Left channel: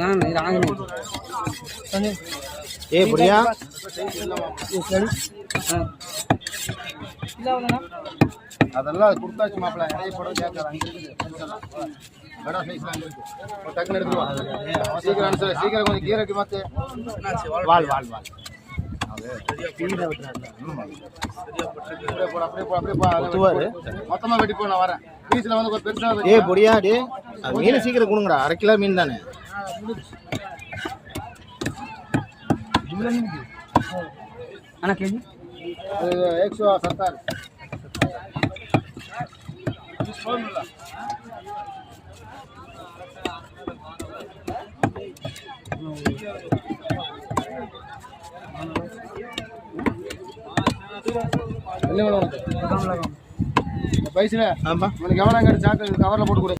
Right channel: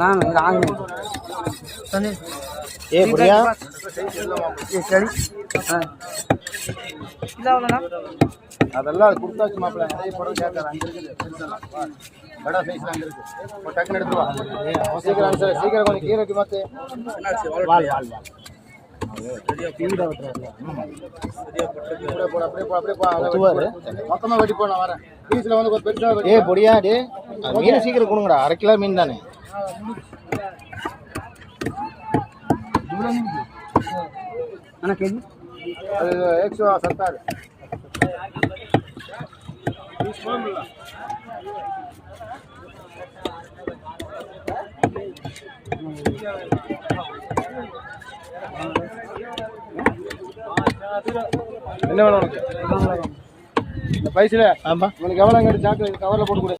ना नहीं राग नहीं ये बढ़िया ये चढ़ी हाँ किला वाला ना அதெல்லாம் குடுத்தாச்சு மாப்ள நிறைய படம் கேட்கறாங்க படா சைஸ்ல இருக்கு ஒரு டக்கு எடுத்துவா சீக்கிரம் சீக்கிரம் கொஞ்சம் கீரைக்கு மாத்து வால் வால் வால் சரியா கீரை வெட்டறாங்க சரியா போடு அப்படியே மொத்தமா வெட்டி போ நான் வரேன் பீஸ்ல வந்து ஒரு பெருசா ஏய் பொடியா டேய் மீன் சீக்கிரம் கொடுங்கடா 1/2 கிலோ மீன் தானே ஜும்லா மீன் انا केजी அது 170 என்ன வேணும் உனக்கு இந்த பைசல ஆமா உனக்கு எவ்வளவு சாக்கு கவர்ல போட்டு கொடு